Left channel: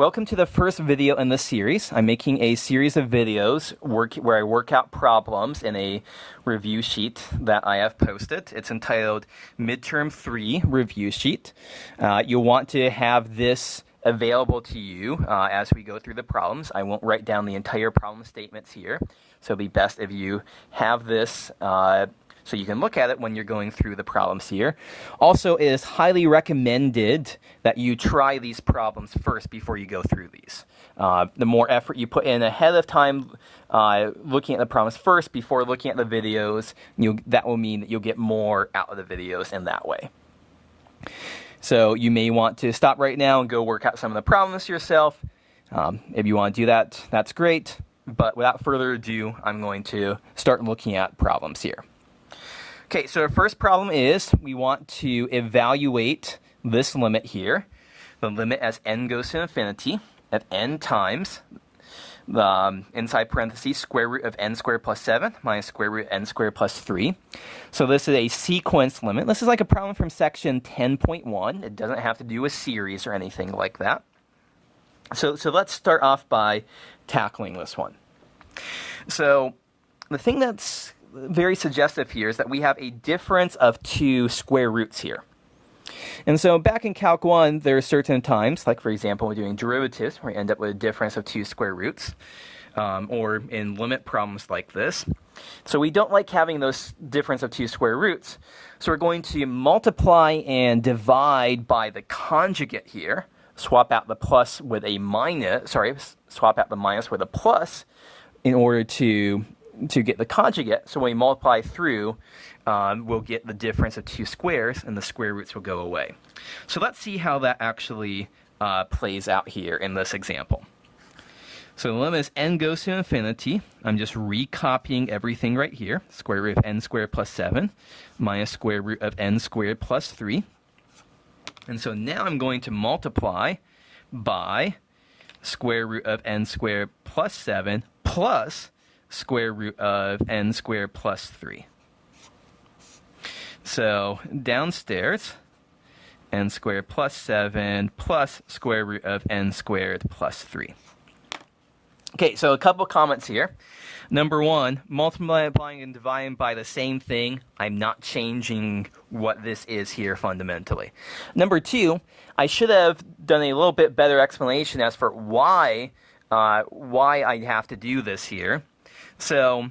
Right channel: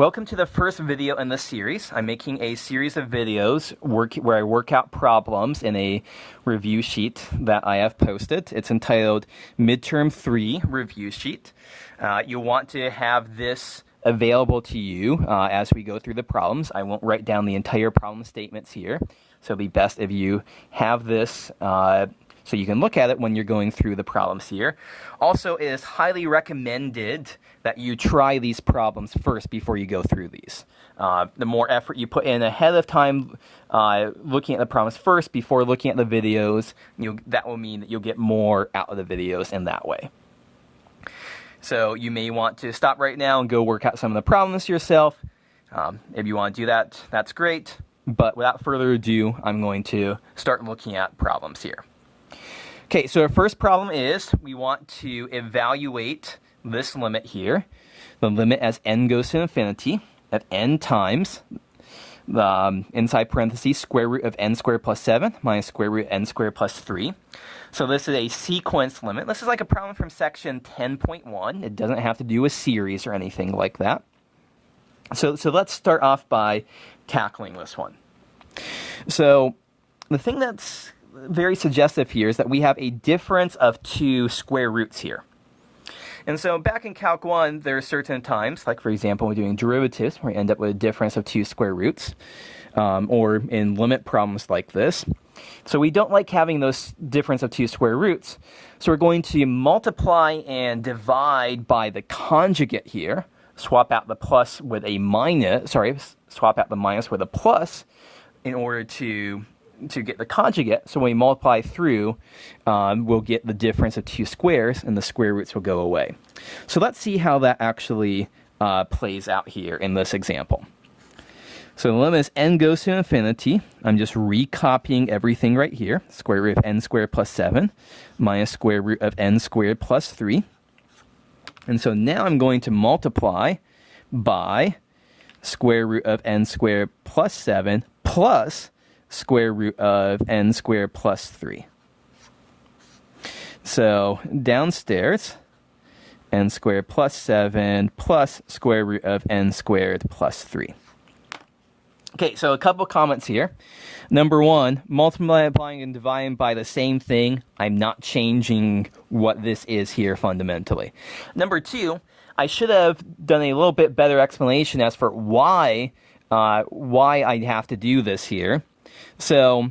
Welcome to the first video in this series. I'm making a series of videos where I work out problems in a review sheet that I have posted. It's entitled Midterm 3 Review Sheet. You'll want to have this available to you as we go through the problems. I won't write down the entire problem statements here, so it'll be best if you have this so you can look at it when you're going through the problems here. Also, it is highly recommended that you try these problems first before you go through these. The more effort you put in ahead of time looking at the problems first before looking at the videos, that will mean that you'll get more out of the videos in that way. So you may want to stop right now and go work out some of the problems yourself. If you want to do that, that's great. But without further ado, I'm going to start looking at problems here. Okay, so our first problem is we want to evaluate this limit here, the limit as n goes to infinity at n times the inside parentheses square root of n squared plus 7 minus square root of n squared plus 3. So this is a sequence limit. This is like a problem from section 10.1. It doesn't have to do with series or anything like that. So let's start off by tackling this one. So the thing that's very suggestive here is that we have a difference of two square roots here. And so back in Calc 1, there are certain times, like for example, when we're doing derivatives, where we end up with a difference of two square roots, or in limit problems like this. So we don't like having those difference of two square roots. So we're going to multiply and divide by the conjugate here, swap out the plus with a minus, swap out the minus with a plus in order to get the conjugate. So when we multiply through, we'll get the difference of two squares, and the square roots will go away. So let's see how that actually plays out here in this example. So the limit as n goes to infinity. I'm just recopying everything right here. Square root of n squared plus 7 minus square root of n squared plus 3. And so now I'm going to multiply by square root of n squared plus 7 plus square root of n squared plus 3. So downstairs, n squared plus 7 plus square root of n squared plus 3. Okay, so a couple comments here. Number one, multiplying and dividing by the same thing. I'm not changing what this is here fundamentally. Number two, I should have done a little bit better explanation as for why I have to do this here. So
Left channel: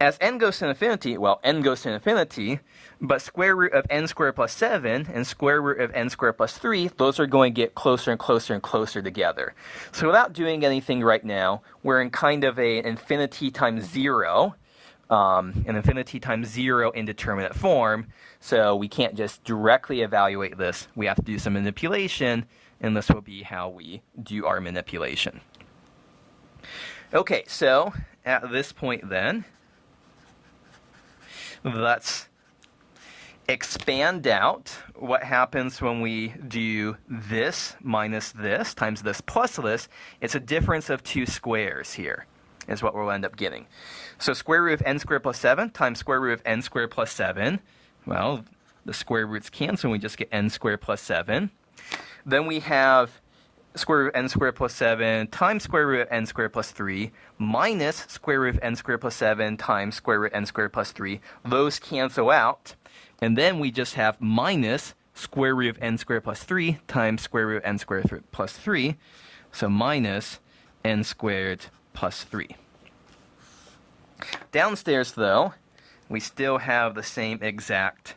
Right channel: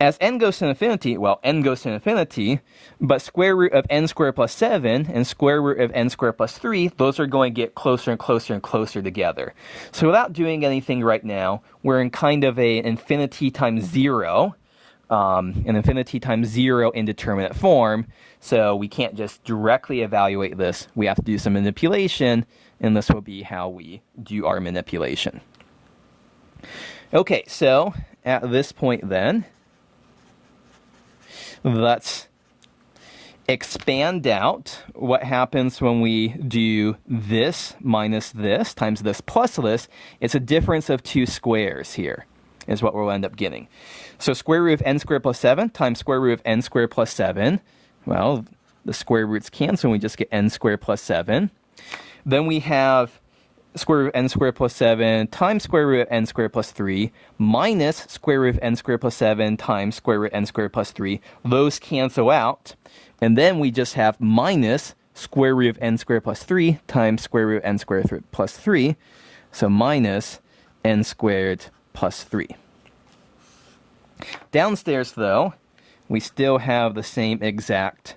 as n goes to infinity, well, n goes to infinity, but square root of n squared plus 7 and square root of n squared plus 3, those are going to get closer and closer and closer together. So without doing anything right now, we're in kind of an infinity times 0, indeterminate form. So we can't just directly evaluate this. We have to do some manipulation, and this will be how we do our manipulation. Okay, so at this point then, let's expand out what happens when we do this minus this times this plus this. It's a difference of two squares here is what we'll end up getting. So square root of n squared plus 7 times square root of n squared plus 7. Well, the square roots cancel and we just get n squared plus 7. Then we have square root of n squared plus 7 times square root of n squared plus 3 minus square root of n squared plus 7 times square root of n squared plus 3. Those cancel out. And then we just have minus square root of n squared plus 3 times square root of n squared plus 3. So minus n squared plus 3. Downstairs, though, we still have the same exact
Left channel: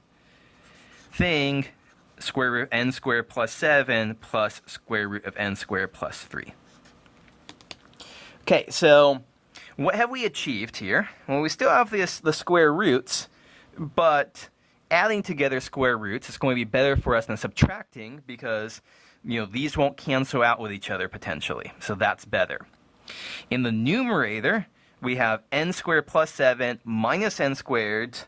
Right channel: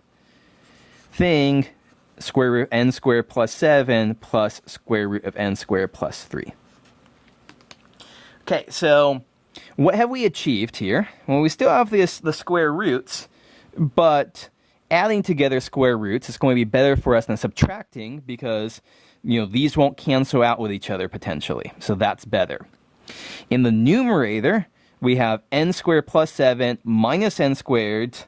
thing. Square root of n squared plus 7 plus square root of n squared plus 3. Okay, so what have we achieved here? Well, we still have the square roots, but adding together square roots is going to be better for us than subtracting because, these won't cancel out with each other potentially. So that's better. In the numerator, we have n squared plus 7 minus n squared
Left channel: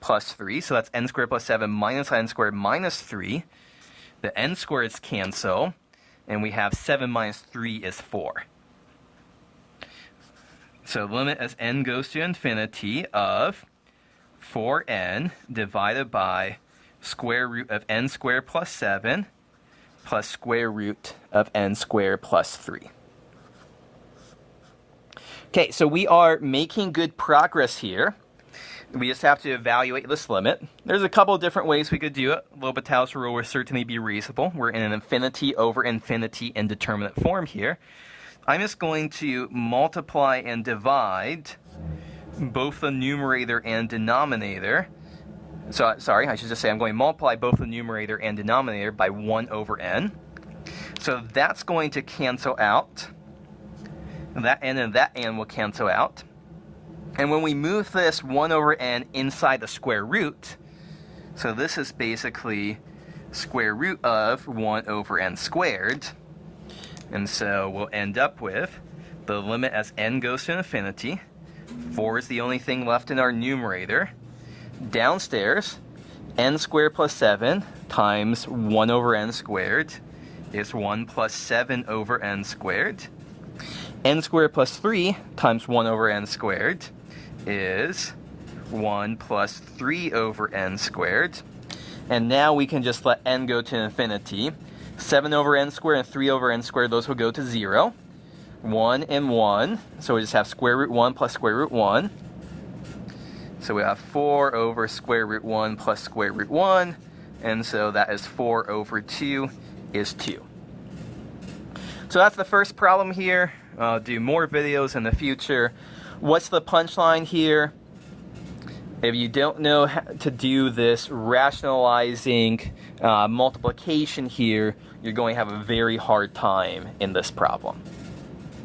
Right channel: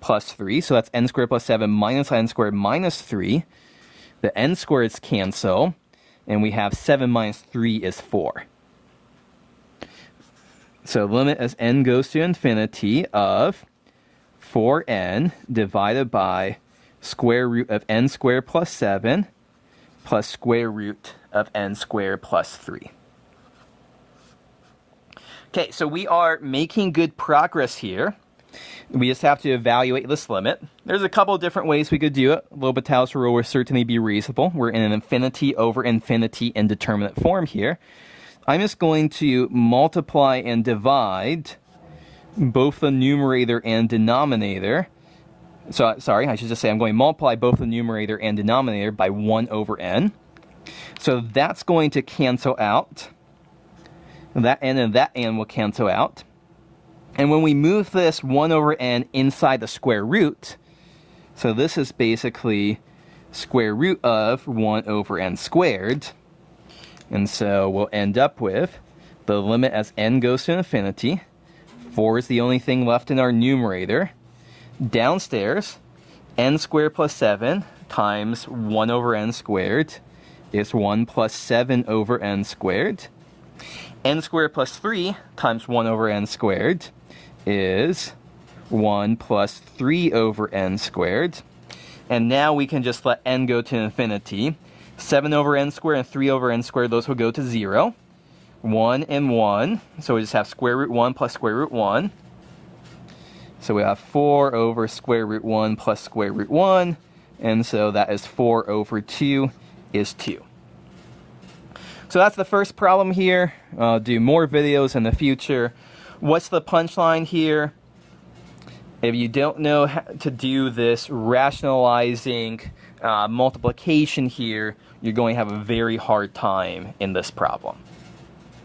plus 3. So that's n squared plus 7 minus n squared minus 3. The n squareds cancel, and we have 7 minus 3 is 4. So limit as n goes to infinity of 4n divided by square root of n squared plus 7 plus square root of n squared plus 3. Okay, so we are making good progress here. We just have to evaluate this limit. There's a couple of different ways we could do it. L'Hopital's rule will certainly be reasonable. We're in an infinity over infinity indeterminate form here. I'm just going to multiply and divide both the numerator and denominator. So, sorry, I should just say I'm going to multiply both the numerator and denominator by 1 over n. So that's going to cancel out. That n and that n will cancel out. And when we move this 1 over n inside the square root, so this is basically square root of 1 over n squared. And so we'll end up with the limit as n goes to infinity. 4 is the only thing left in our numerator. Downstairs, n squared plus 7 times 1 over n squared is 1 plus 7 over n squared. N squared plus 3 times 1 over n squared is 1 plus 3 over n squared. And now we can just let n go to infinity. 7 over n squared and 3 over n squared, those will go to 0. 1 and 1, so we just have square root 1 plus square root 1. So we have 4 over square root 1 plus square root 1, and so that is 4 over 2 is 2. So that's the first problem here. I'll do more videos in the future. What's the punchline here? If you don't know how to do this rationalizing multiplication here, you're going to have a very hard time in this problem.